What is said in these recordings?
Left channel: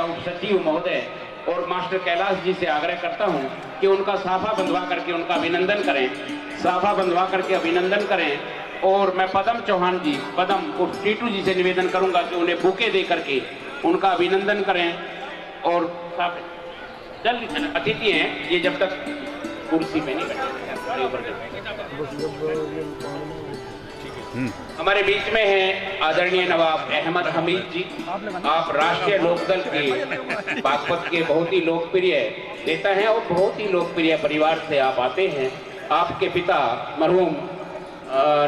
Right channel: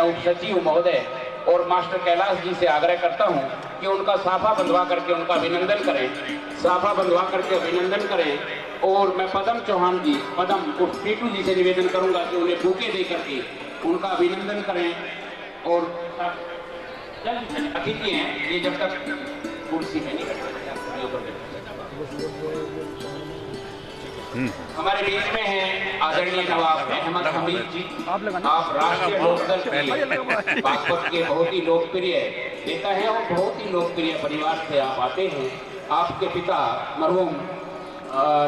उप सचिव महोदय और मास्टर कैलाश जी से आग्रह करता हूं कि उनका साफा बंधवा करके उनका अभिनंदन करें, साफा बंधवा करके अभिनंदन करें। और मैं पदम चौहान जी, पदम उर्फ टीटू जी से निवेदन करूंगा कि उन्हें बुके दे करके उनका अभिनंदन करें। और जल्दी अतिथि हैं ये जब तक कुर्सी पे नहीं बैठे। हमारे बीच में है आदरणीय नवाब अहमद हमीद जी। आप राष्ट्रीय लोकदल के बागपत के बहुत ही लोकप्रिय नेता हैं और बहुत ही लोकप्रिय परिवार से आप आते हैं। आपके पिता मरहूम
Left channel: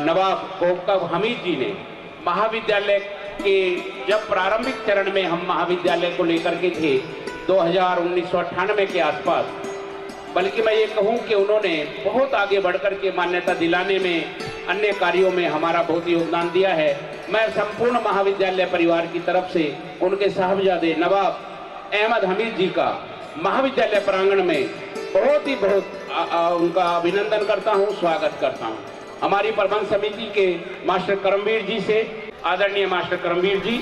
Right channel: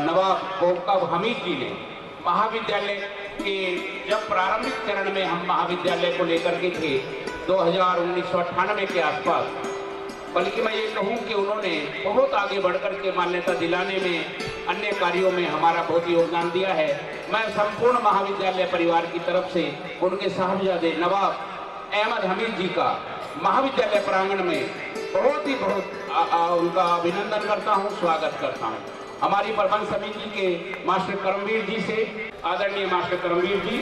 नवाब कोकब हमीद जी ने महाविद्यालय के जब प्रारंभिक चरण में हम महाविद्यालय को लेकर के थे 1998 के आसपास, बल्कि मैं ये कहूँ कि उन्होंने बहुत आगे बढ़कर के मान्यता दिलाने में, अन्य कार्यों में हमारा बहुत योगदान दिया है। मैं संपूर्ण महाविद्यालय परिवार की तरफ से उनके साहबजादे नवाब अहमद हमीद जी का महाविद्यालय प्रांगण में बहुत उनका अभिनंदन करता हूँ, स्वागत करता हूँ। हमारी प्रबंध समिति के मास्टर करमवीर जी से, आदरणीय मास्टर करमवीर जी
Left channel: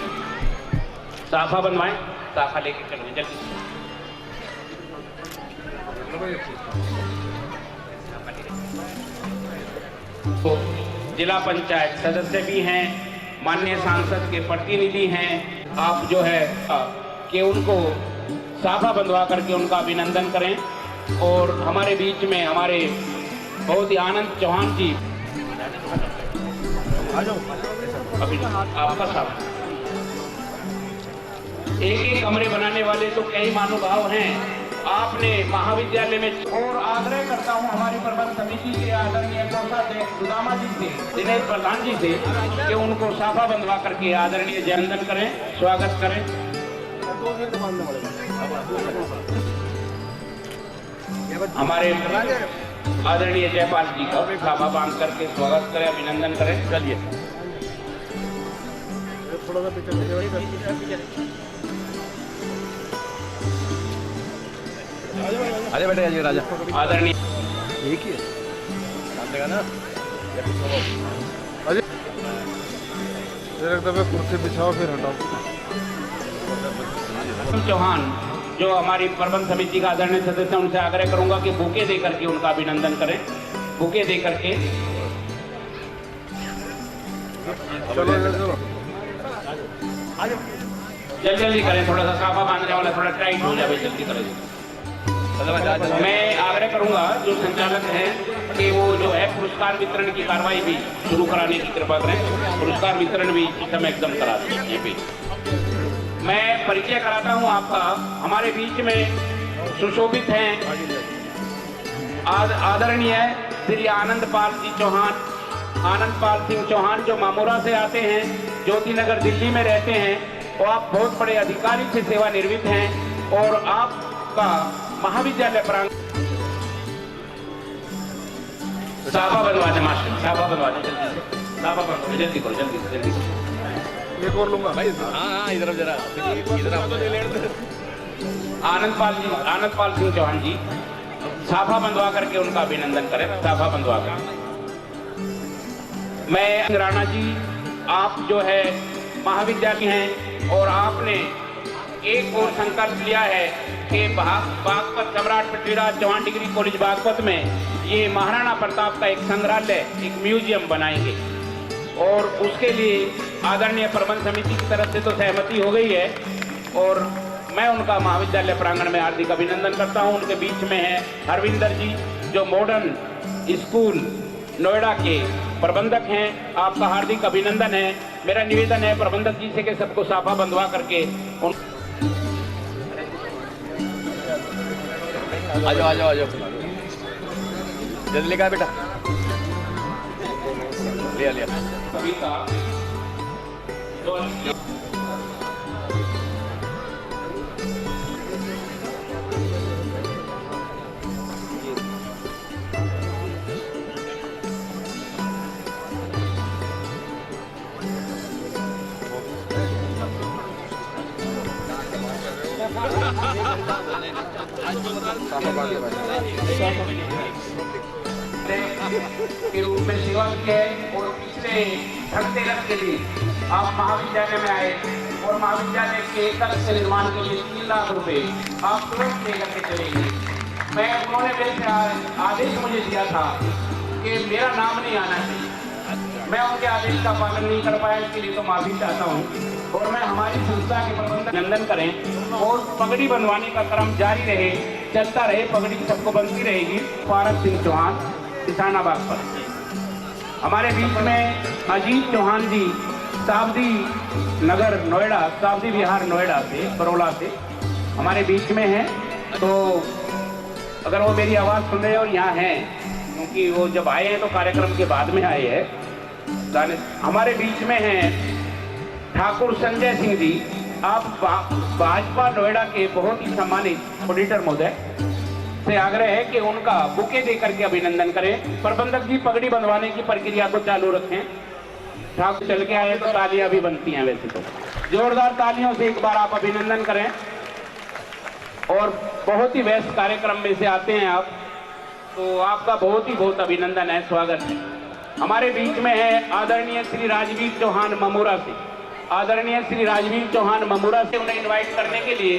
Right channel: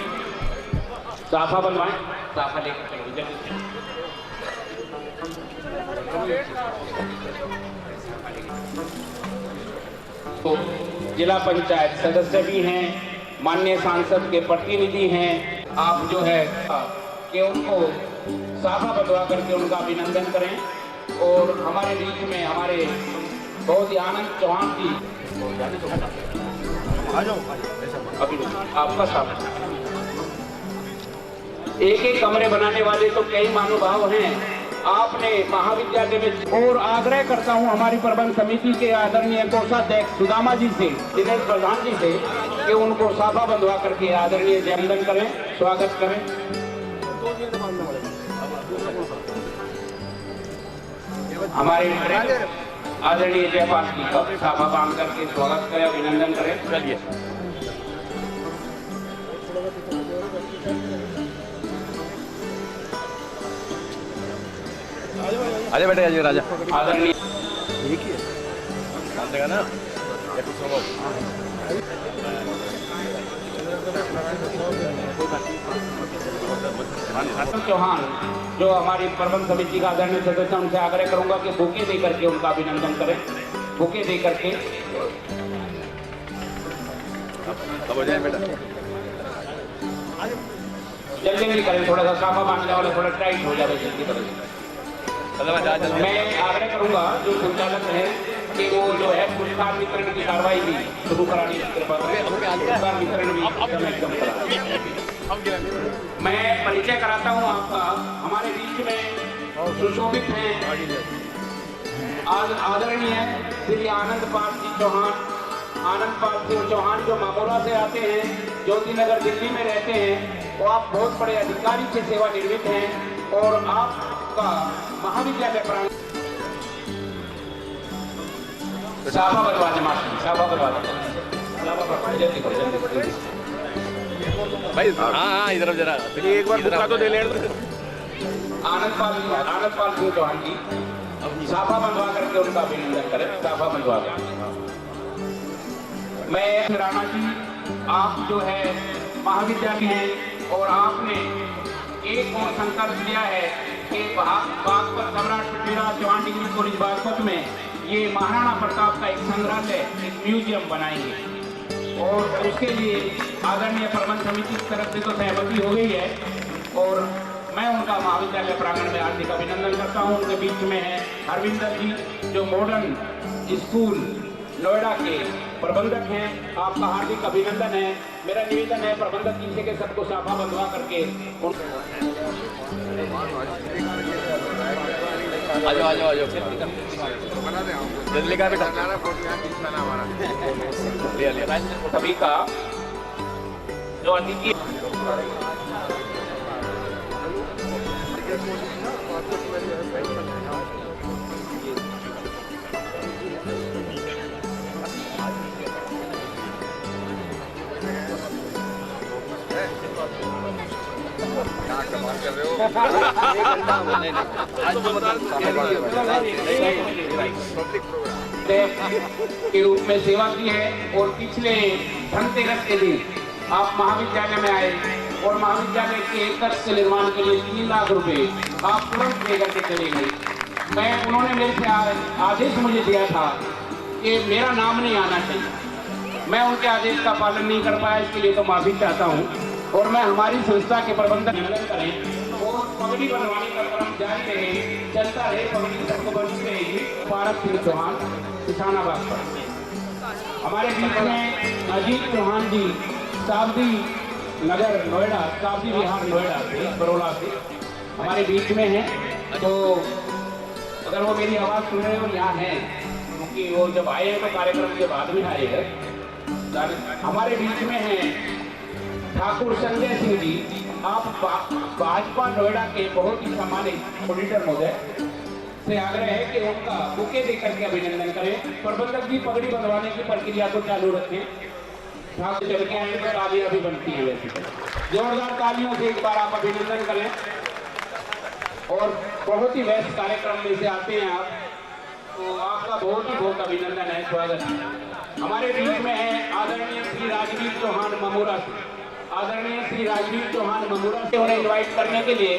साफा बनवाएं, साफा लेकर तो जिला पंचायत सदस्य भी हैं, माननीय सांसद के प्रतिनिधि हैं। आप जो है कि उनको साफा बंधवा करके उनका अभिनंदन करें। और हमारे बीच में हमारे बहुत ही आनंद चौहान जी, आपका साफ एक कमरे बनाने वाले तो कई महानुभाव हैं। आपने महाविद्यालय में, और आग्रह करता हूं हमारी प्रबंध समिति के आदरणीय कोषाध्यक्ष सुदामा जी से, दिनेश प्रधान जी से कि उनको साफा बंधवा करके आदरणीय जयवंदन करें, स्वागत करें। हमारे आदरणीय जयपाल जी का साफा बांध करके स्वागत करें, अभिनंदन करें। चलिए आजा बेटे, आजा राजा। आदरणीय एक ही है ना चौहान जो हमारी प्रबंध समिति का आदरणीय सदस्य, उनसे आग्रह करूंगा कि बुके दे करके उनका अभिनंदन करें, बुके दे करके। जल्दी करें, थोड़ा सा साफा बांधने वाला थोड़ा टाइट हो जाए, जल्दी करें। मैं आग्रह करूंगा जो संचालक है कि वो जो है पुरस्कार वितरण की कार्रवाई भी शुरू कराने की कृपा करें, पुरस्कार वितरण भी एकदम करा दें। मैं परिचय कराता हूं आपका। हमारे बीच में सुशोभित हैं आदरणीय श्री आनंद पाल सिंह चौहान, आनंद पाल सिंह चौहान जो मामूरा से आते हैं, ज्योति नगर दिल्ली में रहते हैं। वो आप बहुत बड़े अधिकारी से सेवानिवृत्त हैं और आपका महाविद्यालय प्रांगण साफा बनवा दे मास्टर, साफा बनवा दे, साफा बनवा जल्दी करो, जल्दी एक और लूंगा भाई। हाँ इधर जरा एक बार तो दे ले। आनंद पाल सिंह चौहान जी साफा बंधवा करके उनका अभिनंदन करें, साफा बंधवा कर। मैं राणा जी, आप जो है महाविद्यालय हैं और आपने एक और संकल्प लिया है कि बागपत सम्राट पृथ्वीराज चौहान डिग्री कॉलेज बागपत में ये महाराणा प्रताप का एक संग्रहालय, एक म्यूजियम बनाएंगे। और उसके लिए आदरणीय प्रबंध समिति की तरफ से तो सहमति हो गई है और मैं उनका महाविद्यालय प्रांगण में हार्दिक अभिनंदन करता हूं। उनके बीच में है हरविंदर जी जो मॉडर्न स्कूल नोएडा के प्रबंधक हैं, आपका हार्दिक अभिनंदन है। मेरा निवेदन है प्रबंधक जी से कि सबको साफा बंधवा करके आ जाओ जल्दी का बेटा, लिया सभी का जो के रूप में सेवा की है और पिछले धनतेरस के दिन आप महाविद्यालय में आए और महाविद्यालय के एक कक्ष के निर्माण के लिए 3 लाख रुपए आप तुरंत लेकर के चलेंगे। उन्होंने मेरे से आदेश मुझे दिया था कि मेरा नाम नहीं आना चाहिए। मैं उनके आदेश का पालन नहीं कर पाया, इसके लिए तो माफी चाहता हूँ। और मैं हमारी संस्था के प्रबंधक अभिनंदन करें और पगड़ी बनवाने का क्रम जारी रहे, चलता रहे, पगड़ी सबको बनती रहेगी। पारस सिंह चौहान, किसानाबाद पर। हमारे बीच में अजीत चौहान जी, सावधी नगर नोएडा, सावधी विहार नोएडा से, बरोला से हमारे बीच में हैं। तो अगर वो मेरी आवाज़ सुन रहे और यहाँ हैं, क्योंकि वो जब आए हैं तो कार्यक्रम के बाद में आए हैं। हमारे बीच में हैं ठाकुर संजय सिंह जी। आप भाजपा नोएडा के बहुत ही सम्मानित ऑडिटर महोदय से आग्रह है कि उनका बुके देकर के अभिनंदन करें। प्रबंधक जी पगड़ी बंधवाने की प्रक्रिया को चालू रखें। ठाकुर चल के आए तो तालियां भी बनती हैं, वैसे तो जोरदार तालियों से एक बार आप अभिनंदन करें। और बहुत ही व्यस्त कार्यक्रम में से आते हैं आप, तो आपका बहुत ही बहुत अभिनंदन है, स्वागत है। हमारे बीच में है आदरणीय श्री राजवीर चौहान ममोरा से। आदरणीय श्री राजवीर चौहान ममोरा से उन्हें इनवाइट करने के लिए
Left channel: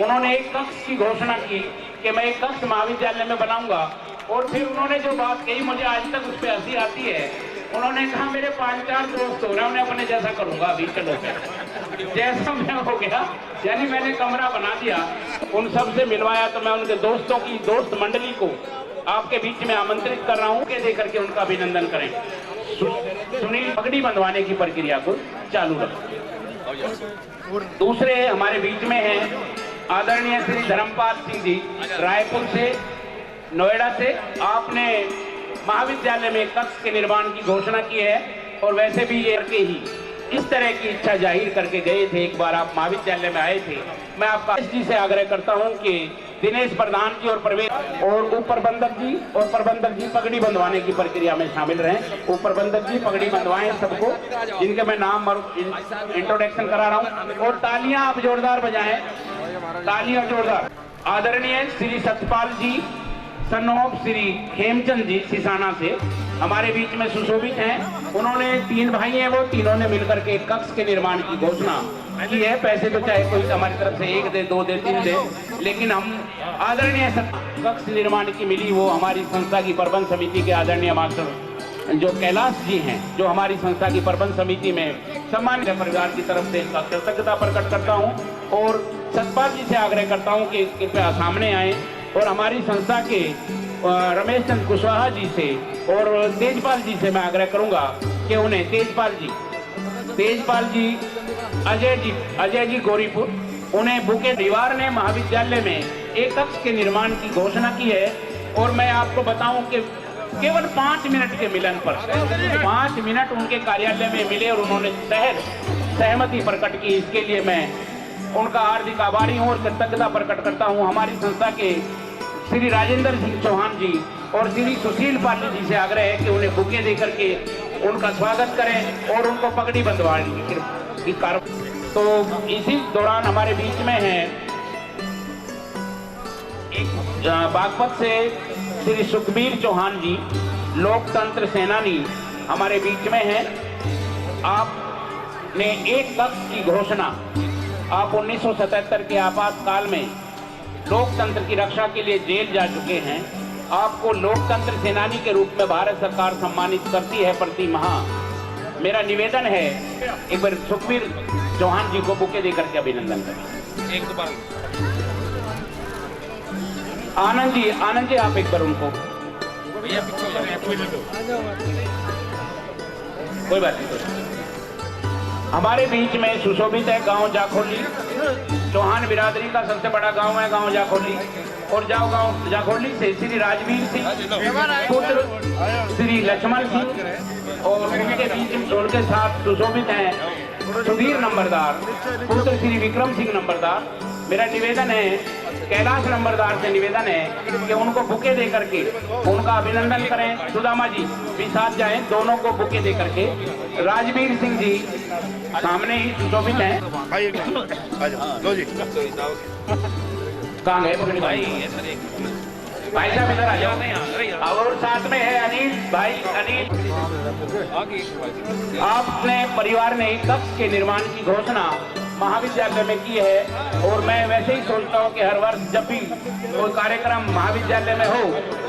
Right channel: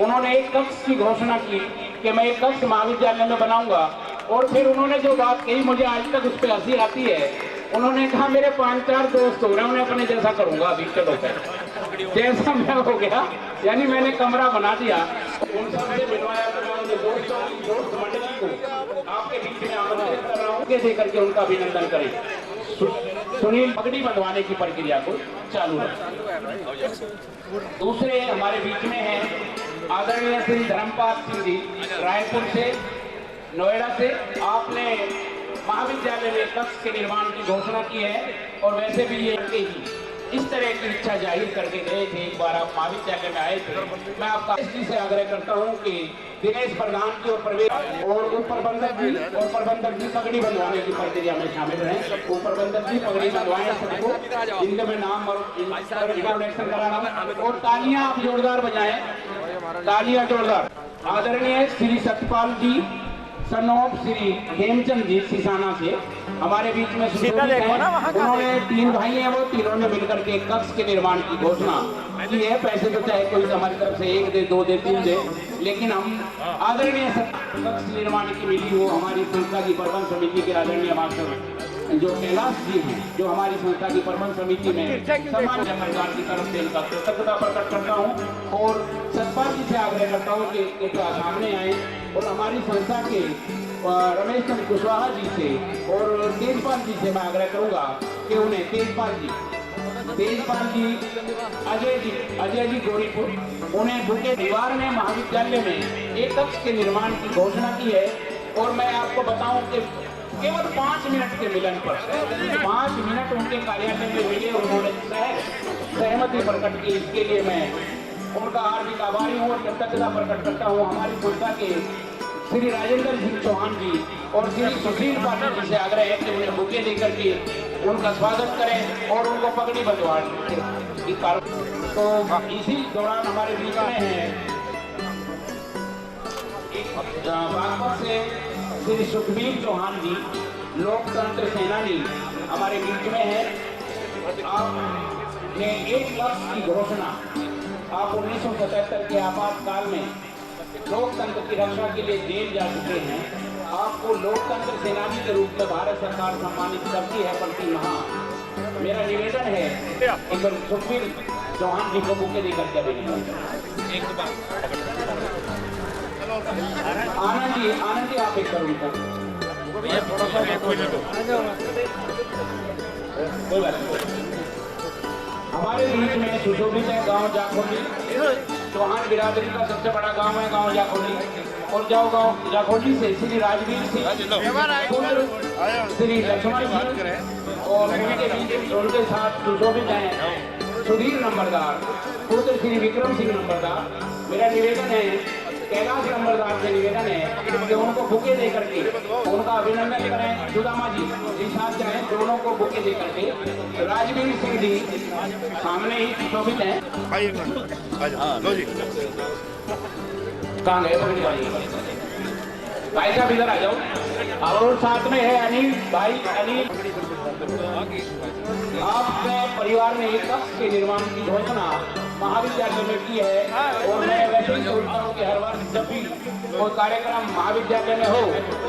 उन्होंने एक कक्ष की घोषणा की कि मैं एक कक्ष महाविद्यालय में बनाऊंगा। और फिर उन्होंने जो बात कही, मुझे आज तक उस पर हंसी आती है। उन्होंने कहा मेरे 5-4 दोस्त हो रहे हैं, मैं अपने जैसा करूंगा अभी, चलो जैसा मैं हो गया, यानी मैंने कमरा बना दिया, उन सब से मिलवाया। तो मैं उनके दोस्तों की दोस्त मंडली को आपके बीच में आमंत्रित कर रहा हूँ कि देकर के उनका अभिनंदन करें। सुनील पगड़ी बंधवाने की प्रक्रिया को चालू रखें। दूसरे हमारे बीच में है आदरणीय श्री धर्मपाल सिंह जी, रायपुर से, नोएडा से। आपने महाविद्यालय में कक्ष के निर्माण की घोषणा की है और वैसे भी ये करके ही इस तरह की इच्छा जाहिर करके गए थे। एक बार आप महाविद्यालय में आए थे। मैं आपका जी से आग्रह करता हूं कि दिनेश प्रधान जी और प्रवेश और उप प्रबंधक जी पगड़ी बंधवाने की प्रक्रिया में शामिल रहें। उप प्रबंधक जी पगड़ी बंधवाएं सबको, जिनके मैं नाम और इंट्रोडक्शन करा रहा हूँ। और तालियां आप जोरदार बजाएं, तालियां जोरदार। आदरणीय श्री सतपाल जी, सन ऑफ श्री हेमचंद जी सिसाना से हमारे बीच में सुशोभित हैं। उन्होंने 3 भाई हैं, वो तीनों ने मिलकर के कक्ष के निर्माण की घोषणा की है। पैसे तो चाहे कोई हमारी तरफ से 1 दे, 2 दे, 3 दे, लेकिन हम आदरणीय कक्ष निर्माण की मिली वो हमारी संस्था की प्रबंध समिति के आदरणीय मास्टर जो कैलाश जी हैं, जो हमारी संस्था की प्रबंध समिति में सम्मान सरकार की तरफ से इनका कृतज्ञता प्रकट करता हूँ। और सतपाल जी से आग्रह करता हूँ कि कृपया सामने आए और हमारी संस्था के रमेश चंद्र कुशवाहा जी से और तेजपाल जी से मैं आग्रह करूंगा कि उन्हें तेजपाल जी, अजय जी गौरीपुर, उन्हें बुके। परिवार ने महाविद्यालय में एक कक्ष के निर्माण की घोषणा की है। और मैं आपको बताऊं कि केवल 5 मिनट के मिलन पर 5 मिनट उनके कार्यालय में मिले और उन्होंने सहमति प्रकट की। इसके लिए मैं उनका हार्दिक आभारी हूँ और कृतज्ञता प्रकट करता हूँ। हमारी संस्था के श्री राजेंद्र सिंह चौहान जी और श्री सुशील पाटिल जी से आग्रह है कि उन्हें बुके देकर के उनका स्वागत करें और उनको पगड़ी बंधवाने की कार्य। तो इसी दौरान हमारे बीच में है बागपत से श्री सुखबीर चौहान जी, लोकतंत्र सेनानी, हमारे बीच में है। आपने एक कक्ष की घोषणा, आप 1977 के आपातकाल में लोकतंत्र की रक्षा के लिए जेल जा चुके हैं। आपको लोकतंत्र सेनानी के रूप में भारत सरकार सम्मानित करती है प्रति माह। मेरा निवेदन है एक बार सुखबीर चौहान जी को बुके देकर के अभिनंदन करें। एक बार आनंद जी आप एक बार उनको, कोई बात नहीं। हमारे बीच में सुशोभित है गांव जाखोली, चौहान बिरादरी का सबसे बड़ा गांव है गांव जाखोली। और गांव जाखोली से श्री राजवीर सिंह, श्री लक्ष्मण सिंह और उनके साथ सुशोभित हैं सुधीर नंबरदार, पुत्र श्री विक्रम सिंह नंबरदार। मेरा निवेदन है, कैलाश नंबरदार से निवेदन है कि उनको बुके दे करके उनका अभिनंदन करें। सुदामा जी भी साथ जाएं, दोनों को बुके दे करके। राजवीर सिंह जी सामने ही सुशोभित हैं। कहाँ गए भाई साहब, इधर आ जाओ। और साथ में है अनिल भाई। अनिल, आपने परिवार में एक कक्ष के निर्माण की घोषणा महाविद्यालय में की है। और मैं वैसे ही सोचता हूँ कि हर वर्ष जब भी कोई कार्यक्रम महाविद्यालय में हो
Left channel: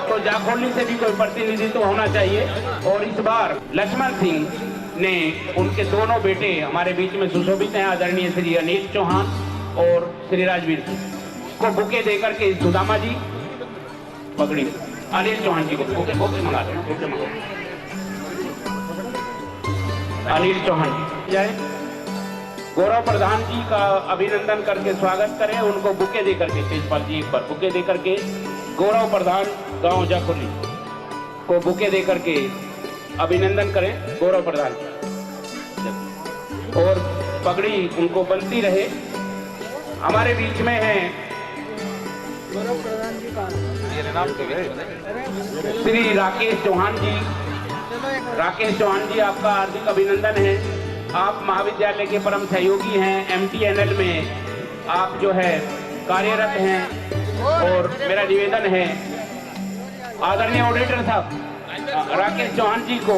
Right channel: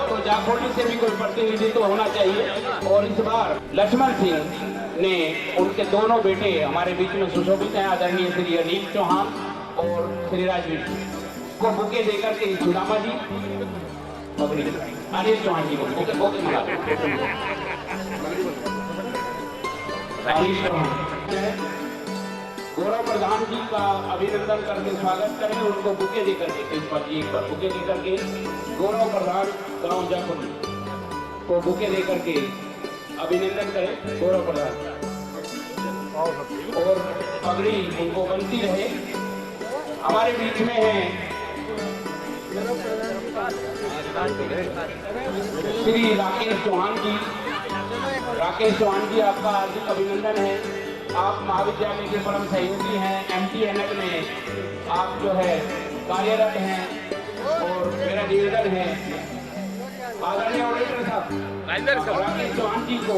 तो जाखोली से भी कोई प्रतिनिधित्व होना चाहिए। और इस बार लक्ष्मण सिंह ने उनके दोनों बेटे हमारे बीच में सुशोभित हैं, आदरणीय श्री अनिल चौहान और श्री राजवीर को बुके देकर के सुदामा जी पकड़ी अनिल चौहान जी को बुके मंगा अनिल चौहान जय गौरव प्रधान जी का अभिनंदन करके स्वागत करें, उनको बुके देकर के इस पर एक बार बुके देकर के गौरव प्रधान गांव जाखोली को बुके देकर के अभिनंदन करें गौरव प्रधान और पगड़ी उनको बनती रहे। हमारे बीच में है श्री राकेश चौहान जी। राकेश चौहान जी, आपका हार्दिक अभिनंदन है। आप महाविद्यालय के परम सहयोगी हैं, MTNL में आप जो है कार्यरत हैं। और मेरा निवेदन है आदरणीय ऑडिटर साहब राकेश चौहान जी को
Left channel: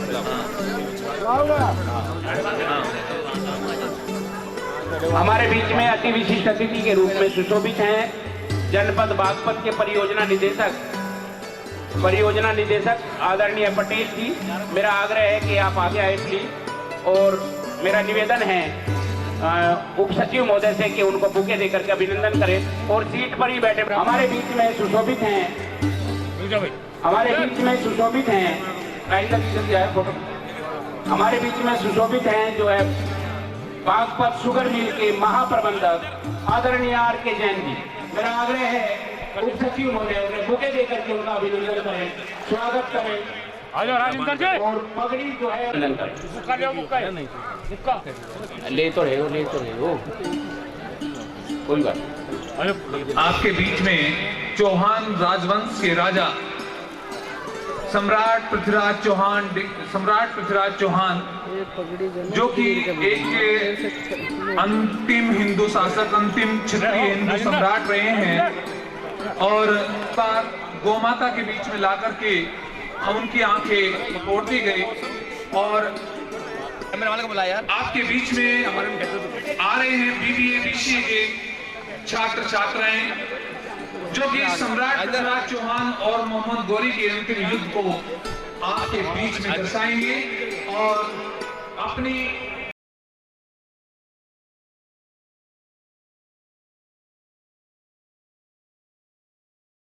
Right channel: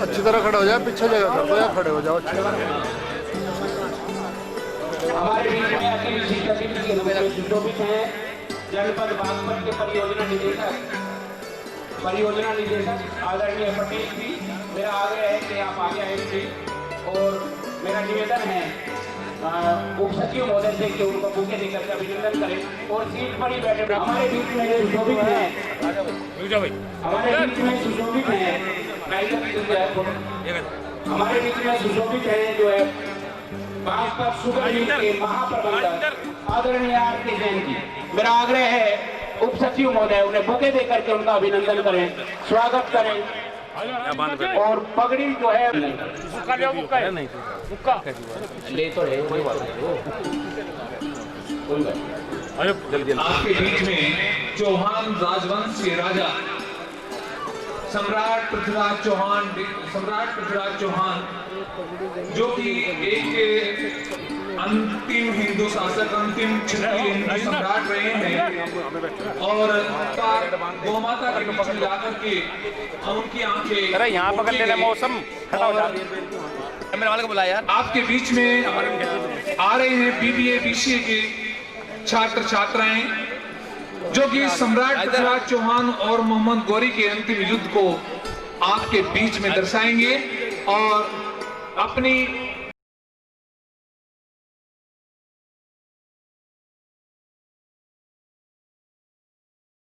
अच्छी तरह खड़ा हो जाए, पीछे खड़े हो जाओ। हमारे बीच में अति विशिष्ट अतिथि के रूप में सुशोभित हैं जनपद बागपत के परियोजना निदेशक आदरणीय पटेल जी। मेरा आग्रह है कि आप आगे आए जी और मेरा निवेदन है उप सचिव महोदय से कि उनको बुके देकर के अभिनंदन करें और सीट पर ही बैठे। हमारे बीच में सुशोभित हैं हमारे बीच में सुशोभित हैं जो है बागपत शुगर मिल के महाप्रबंधक आदरणीय RK जैन जी। मेरा आग्रह है उप सचिव महोदय उन्हें बुके देकर के उनका अभिनंदन करें, स्वागत करें और पगड़ी जो है ले तो रहे हो कोई बात। आपके बीच में चौहान राजवंश के राजा सम्राट पृथ्वीराज चौहान जो कि एक अंतिम हिंदू शासक, अंतिम क्षत्रिय हिंदू सम्राट रहे हैं और गोमाता के बीच में लाकर के उनकी आंखें फोड़ी गई। और कैमरे वाले को बुलाया यार। आपके बीच में आ रहे हैं BBA BCA की छात्र छात्राएं जो कि सम्राट पृथ्वीराज चौहान और मोहम्मद गौरी के अंतिम युद्ध को आपके बीच में दर्शाएंगे और अपनी